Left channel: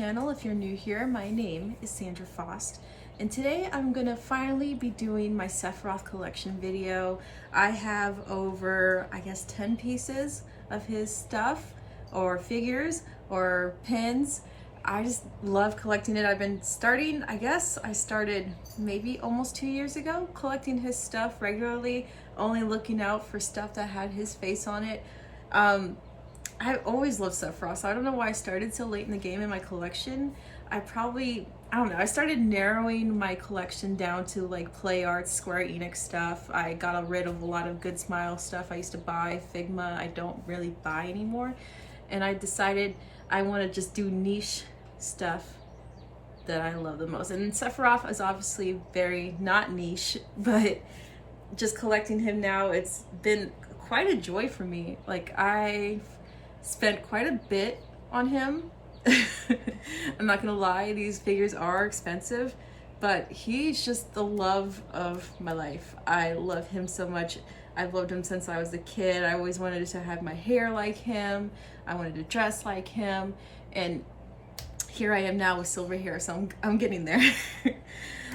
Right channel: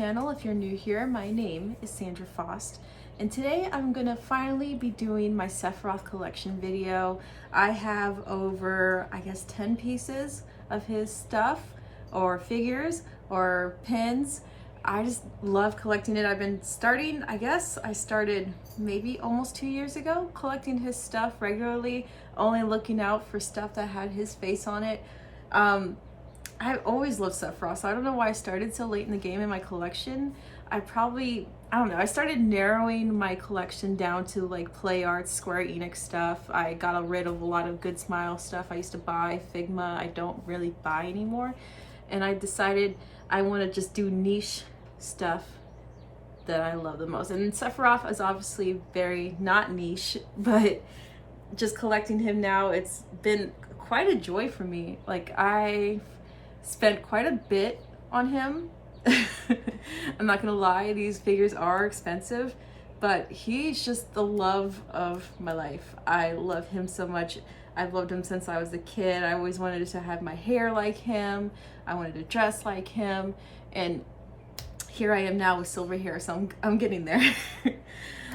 channel. If you're new here, my name is Sandra Faust, and today I'm gonna finally be doing my Sephiroth collection video. I have over, I guess, 10 pieces of his stuff, or figures, or pins. I just love collecting it. I've been starting, I started maybe almost 2 years ago, collecting his stuff regularly, only looking out for stuff that had his face on it. I've always loved Sephiroth, so I don't know why I started so late in the game in my collection. I don't know, I started narrowing my collection down to like Play Arts, Square Enix stuff. I got rid of a lot of Good Smile stuff I used to buy, Figma, I don't really buy anymore. And I decided I want to just do niche stuff that I love the most. And Sephiroth is obviously very not niche, but just collecting him now, it's been quite a joy for me. Like, I spent quite a bit on him. I'm not gonna lie, these figures are expensive, but he's just the love of my life. I love him so much. I've loved him since I was a kid. I always wanted to have my hair like him. I wanted to dress like him, and here I am now with silver hair, so I'm getting there.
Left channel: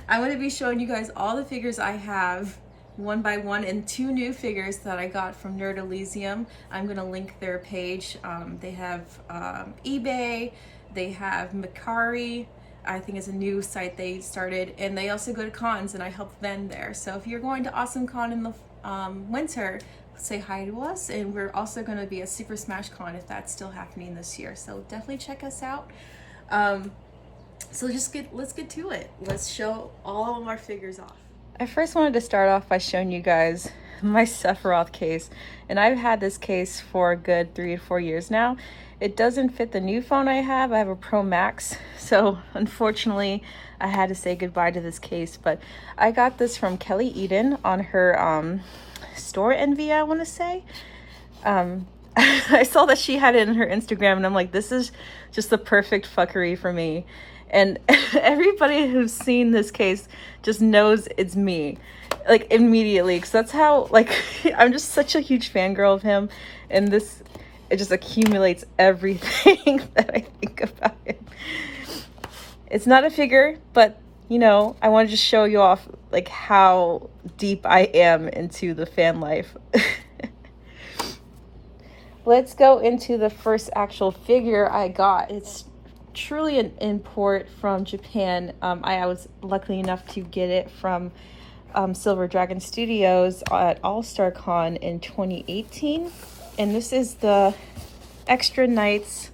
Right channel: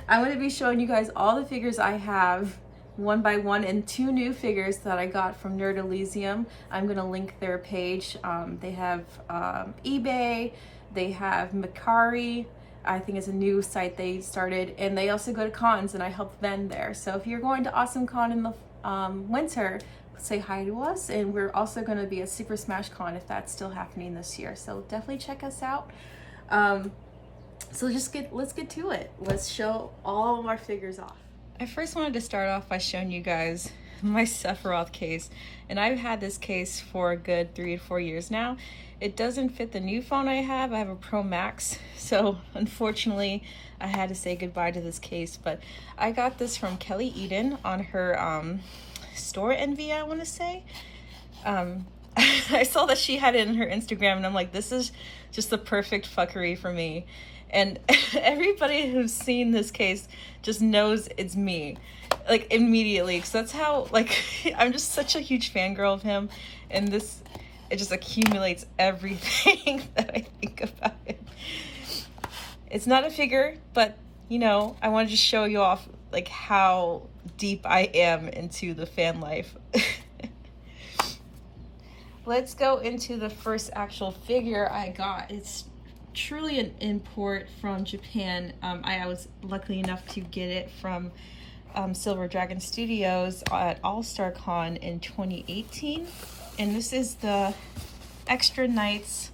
I'm going to be showing you guys all the figures I have one by one, and 2 new figures that I got from Elysium. I'm going to link their page. They have eBay, they have Mercari, I think is a new site they started, and they also go to cons and I help vend there. So if you're going to Awesome Con in the winter, say hi to us. And we're also going to be at Super Smash Con if that's still happening this year, so definitely check us out. So let's get to it. Let's show all of our figures off. I first wanted to start off by showing you guys my Sephiroth case, and I've had this case for a good 3 to 4 years now. It doesn't fit the new phone I have. I have a Pro Max, so unfortunately I had to say goodbye to this case, but I got this from Kelly Eden on her store envy, I want to say. I saw that she had it in her Instagram, and I'm like, this is just the perfect fuckery for me. And everybody who's seen this case just knows it's me, like, immediately, because that's how, like, I'm just such a huge fangirl of him, and this, it just accumulates everything that I think about him. It's not a figure, but you know, I want to just show you off like how deep I am into the fan life. Let's go into the first actual figure I got. It's truly an import from Japan. I was lucky enough to get it from Silver Dragon Studios at All-Star Con in 2018. And this is the Extra Knights.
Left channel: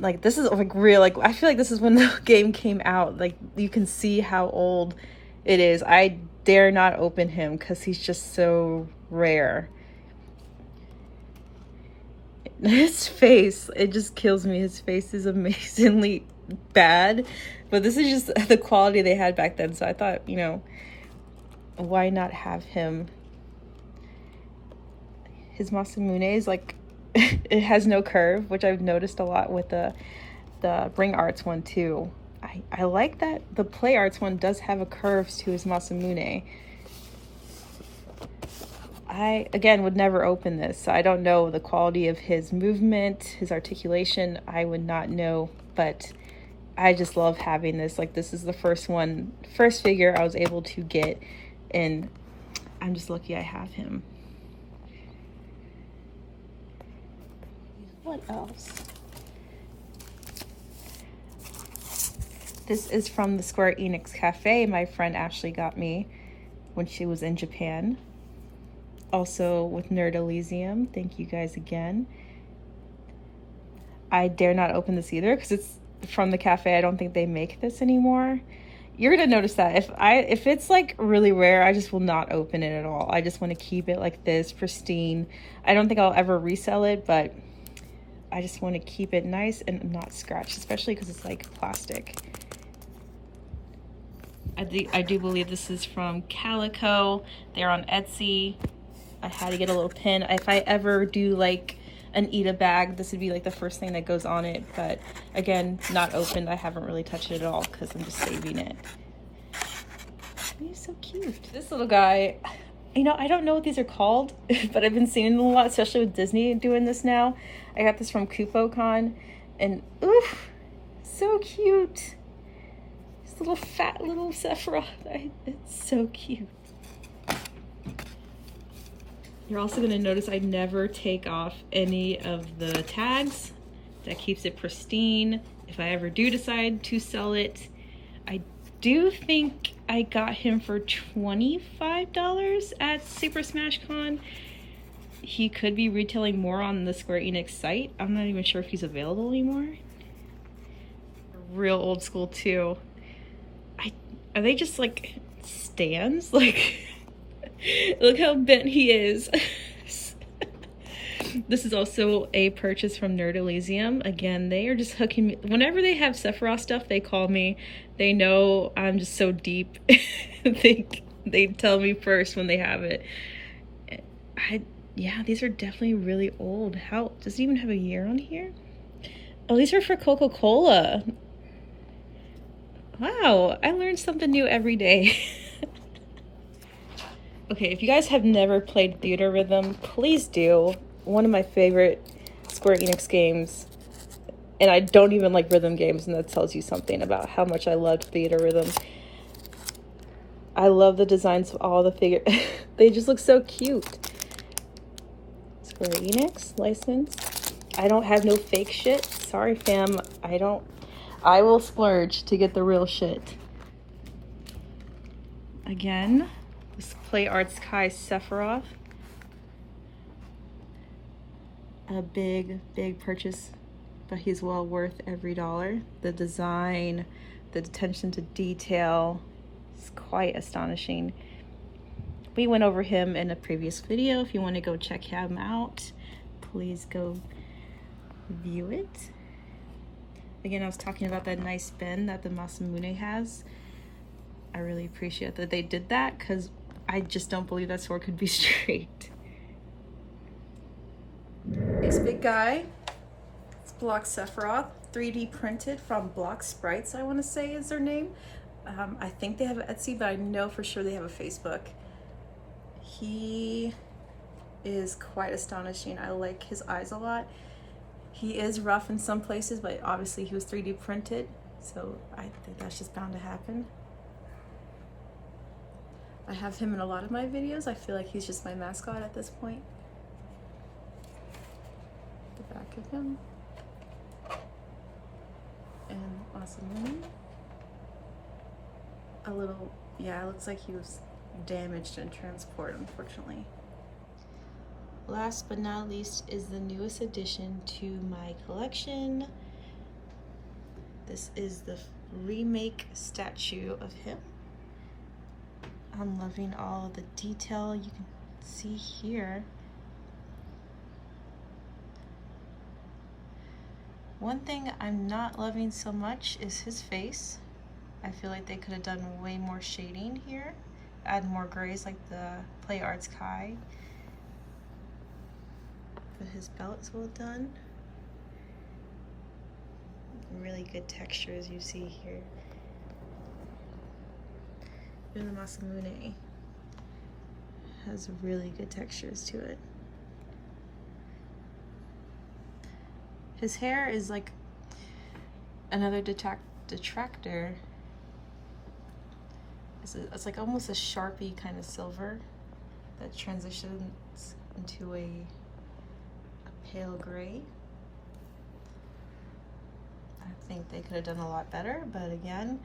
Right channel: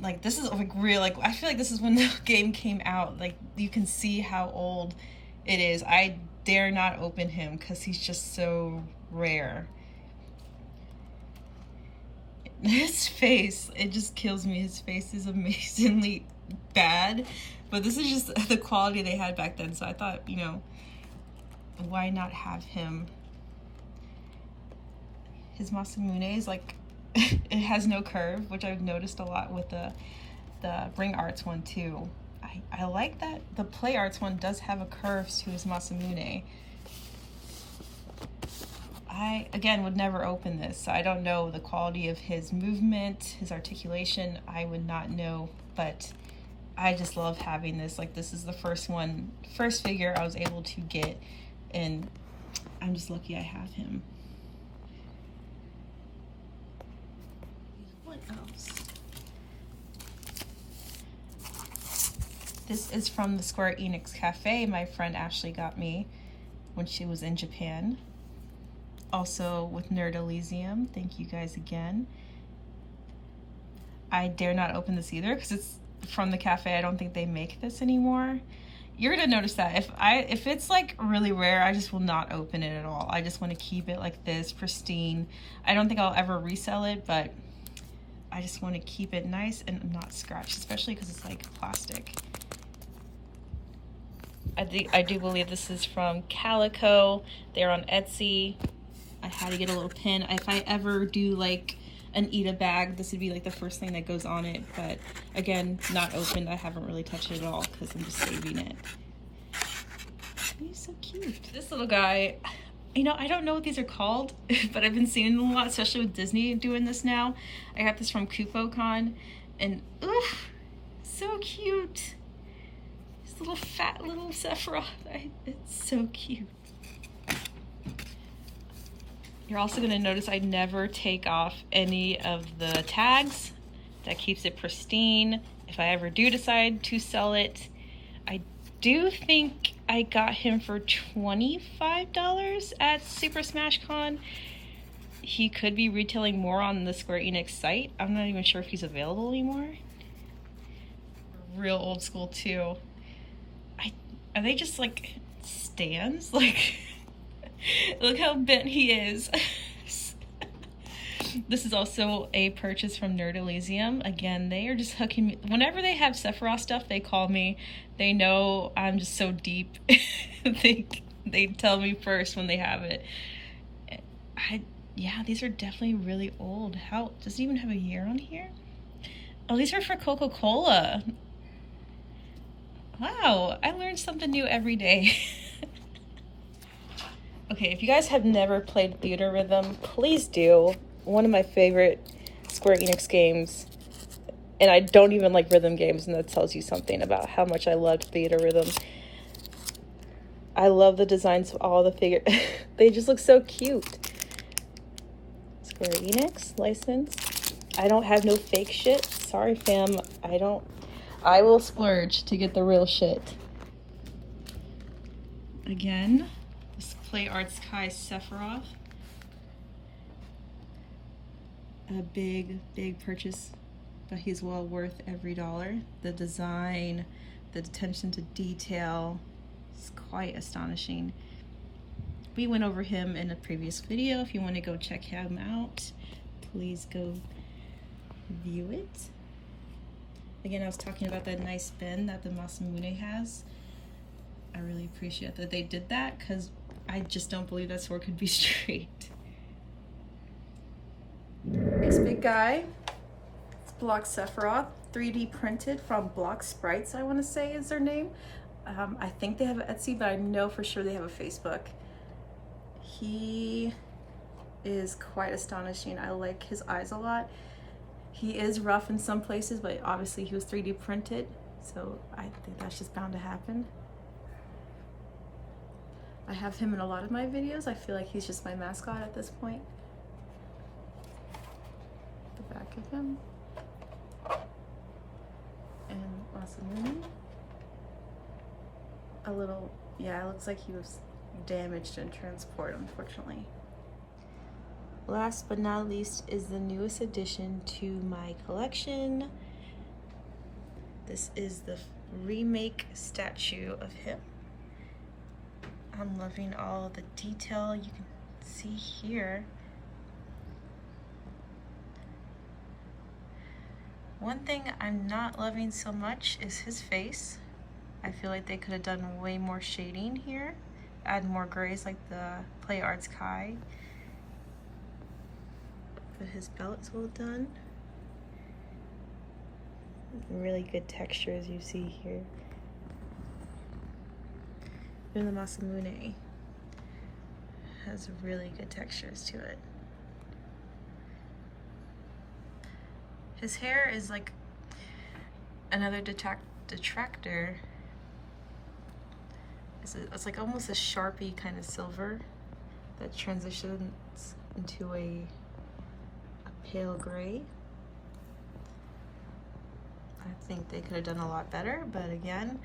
Like, this is like real, like, I feel like this is when the game came out. Like, you can see how old it is. I dare not open him because he's just so rare. His face, it just kills me. His face is amazingly bad, but this is just the quality they had back then, so I thought, you know, why not have him? His Masamune is like, it has no curve, which I've noticed a lot with the Ring Arts one too. I like that the Play Arts one does have a curve to his Masamune. I, again, would never open this, so I don't know the quality of his movement, his articulation. I would not know, but I just love having this. Like, this is the first figure I was able to get, and I'm just lucky I have him. What else? This is from the Square Enix Cafe my friend Ashley got me when she was in Japan. Also with Elysium. Thank you guys again. I dare not open this either because it's from the cafe. I don't think they make this anymore. You're gonna notice that if it's like really rare, I just will not open it at all. I just want to keep it like this, pristine. I don't think I'll ever resell it, but I just want to keep it nice and not scratched, especially because it's like plastic. I do believe this is from Calico. They're on Etsy. I had to get a little pin. If I ever do like an Eda bag, this would be like the first thing that goes on it, but again, not opened. I haven't really touched it at all because I'm just saving it. He's so cute. This little guy, you know, I don't know what these are called, but I've been seeing them a lot, especially with Disney doing this now. I got this from CupoCon, And oof, so cute. This little fat little Sephiroth. It's so cute. You're also going to notice I never take off any of the tags. That keeps it pristine. If I ever do decide to sell it, I do think I got him for $25 at Super Smash Con. He could be retailing more on the Square Enix site. I'm not even sure if he's available anymore. Real old school too. Are they just like stands? Like, look how bent he is. This is also a purchase from Elysium. Again, they are just hooking me. Whenever they have Sephiroth stuff, they call me. They know I'm just so deep. they tell me first when they have it. Yeah, these are definitely really old. How does it even have a year on here? Oh, these are for Coca-Cola. Wow, I learned something new every day. Okay, if you guys have never played Theatrhythm, please do. One of my favorite Square Enix games. And I don't even like rhythm games, and that tells you something about how much I loved Theatrhythm. I love the designs of all the figures. They just look so cute. Square Enix license. I don't have no fake shit. Sorry, fam. I will splurge to get the real shit. Again, this Play Arts Kai Sephiroth. A big purchase, but he's well worth every dollar. The design, the attention to detail is quite astonishing. We went over him in a previous video. If you want to go check him out, please go view it. Again, I was talking about that nice bend that the Masamune has. I really appreciate that they did that, because I just don't believe that sword could be straight. Next big guy. It's Block Sephiroth, 3D printed from Block Sprites, I want to say is their name. I think they have an Etsy, but I know for sure they have a Facebook. He is quite astonishing. I like his eyes a lot. He is rough in some places, but obviously he was 3D printed, so I think that's just bound to happen. I have him in a lot of my videos. I feel like he's just my mascot at this point. The back of him. And Masamune. A little, yeah, it looks like he was damaged in transport, unfortunately. Last but not least is the newest addition to my collection. This is the Remake statue of him. I'm loving all the detail you can see here. One thing I'm not loving so much is his face. I feel like they could have done way more shading here. Add more grays like the Play Arts Kai. But his belt is well done. Really good texture as you see here. Even the Masamune has really good textures to it. His hair is like another detractor. It's like almost a Sharpie kind of silver that transitions into a pale gray. I think they could have done a lot better, but again,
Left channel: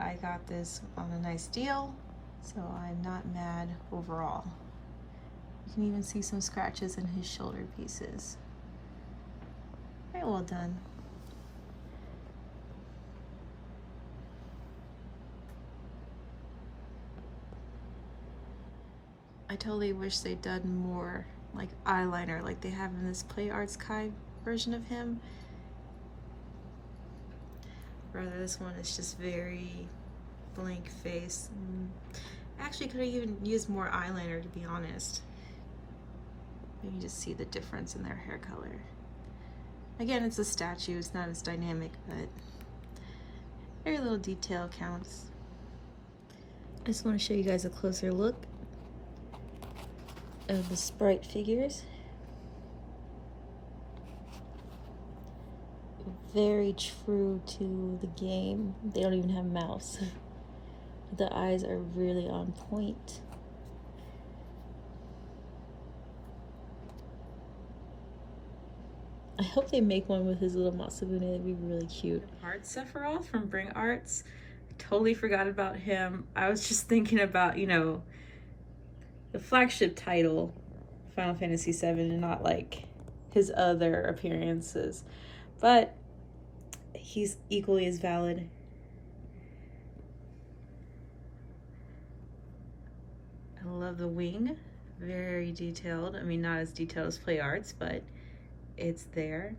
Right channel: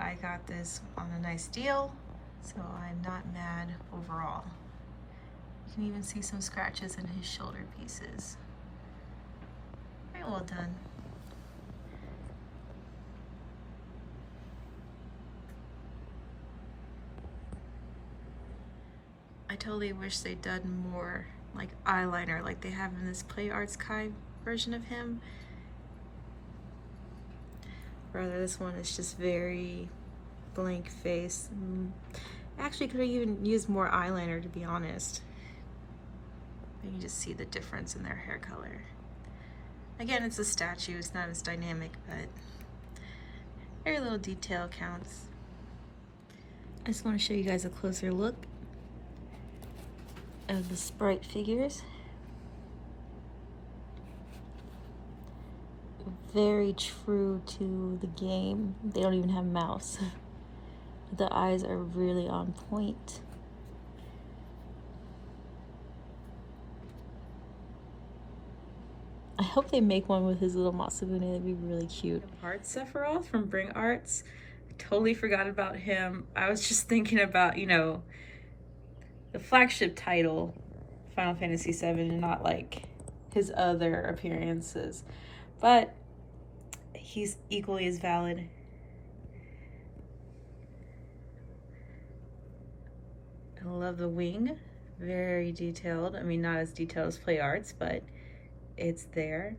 I got this on a nice deal, so I'm not mad overall. You can even see some scratches in his shoulder pieces. Very well done. I totally wish they'd done more like eyeliner like they have in this Play Arts Kai version of him. Rather, this one is just very blank face. Actually, could have even used more eyeliner, to be honest. You can just see the difference in their hair color. Again, it's a statue, it's not as dynamic, but very little detail counts. I just want to show you guys a closer look of the sprite figures. very true to the game. They don't even have mouths. The eyes are really on point. I hope they make one with his little Matsubune. That'd be really cute. Heart Sephiroth from Bring Arts. I totally forgot about him. I was just thinking about, you know, the flagship title, Final Fantasy VII, and not like his other appearances. But he's equally as valid. I love the wing. Very detailed. I mean, not as detailed as Play Arts, but it's there.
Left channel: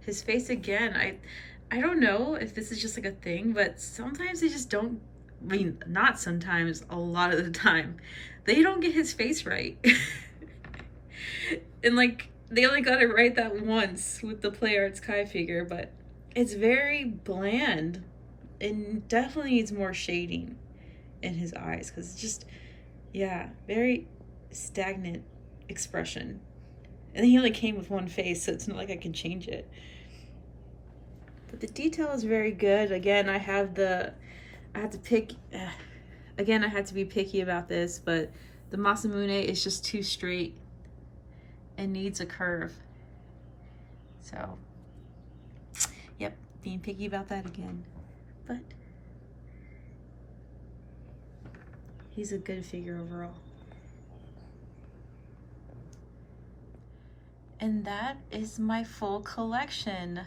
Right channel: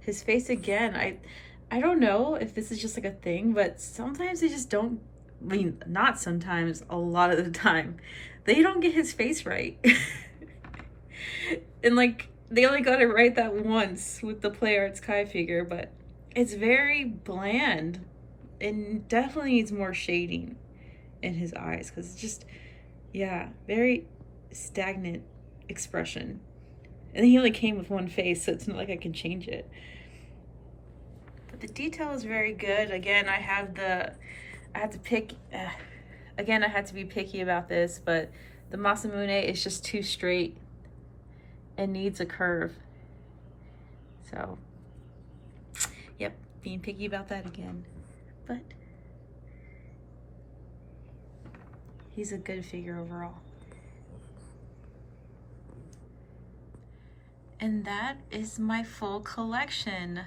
His face again, I don't know if this is just like a thing, but sometimes they just don't, I mean, not sometimes, a lot of the time, they don't get his face right. And like, they only got it right that once with the Play Arts Kai figure, but it's very bland and definitely needs more shading in his eyes, because it's just, yeah, very stagnant expression. And he only came with one face, so it's not like I can change it. But the detail is very good. Again, I had to be picky about this, but the Masamune is just too straight and needs a curve. So, yep, being picky about that again. But he's a good figure overall. And that is my full collection.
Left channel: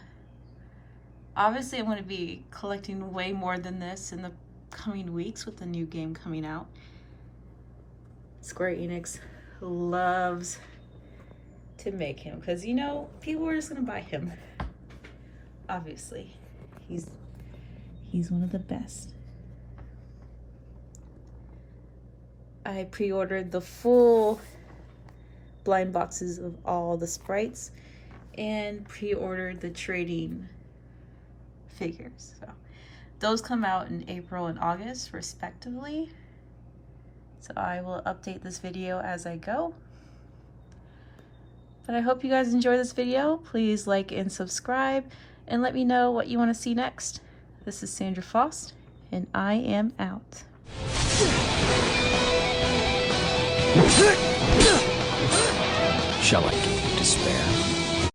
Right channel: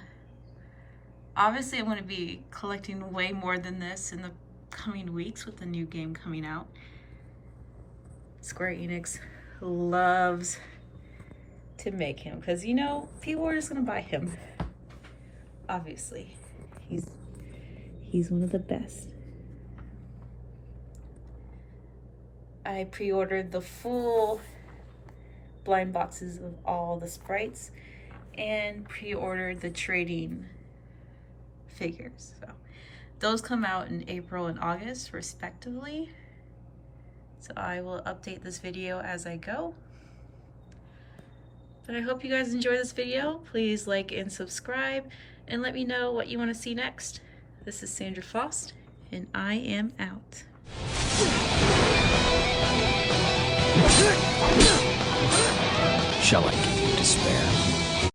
Obviously, I'm going to be collecting way more than this in the coming weeks with the new game coming out. Square Enix loves to make him because, you know, people are just going to buy him. Obviously, he's one of the best. I pre-ordered the full blind boxes of all the sprites and pre-ordered the trading figures. So those come out in April and August respectively. So I will update this video as I go. But I hope you guys enjoy this video. Please like and subscribe and let me know what you want to see next. This is Sandra Faust and I am out. Shall I give you despair?